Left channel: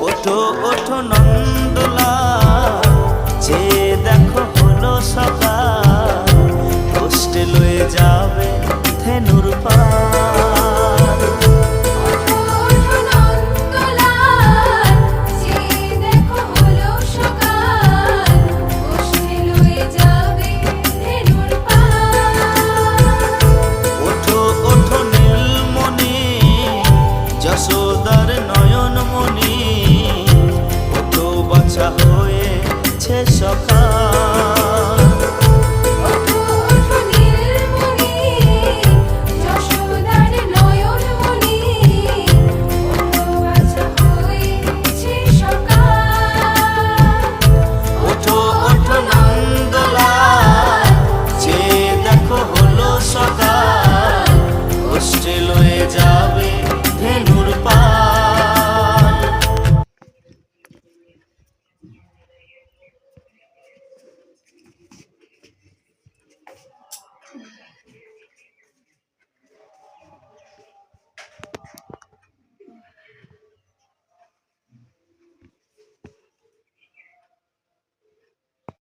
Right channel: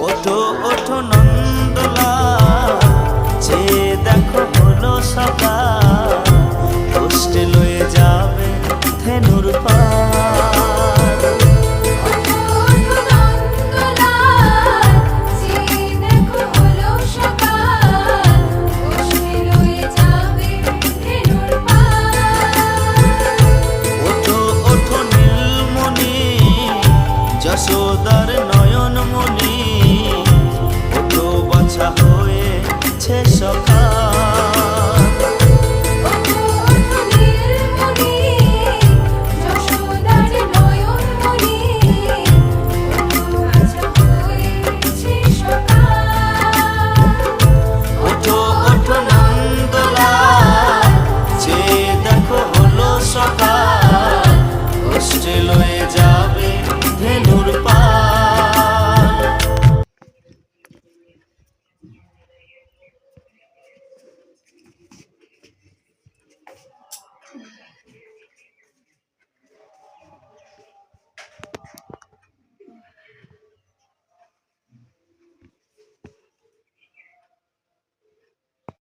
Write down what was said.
ওঠো ওঠো নন্দলাল, চেয়ে দেখো হলো সকাল, কষ্টে লয়ে যাবে ধেনুর পার। ওঠো ওঠো নন্দলাল, চেয়ে দেখো হলো সকাল, কষ্টে লয়ে যাবে ধেনুর পার। ওঠো ওঠো নীলমণি, যশোদার নয়নমণি, ওঠো বাছা হয়েছে সকাল।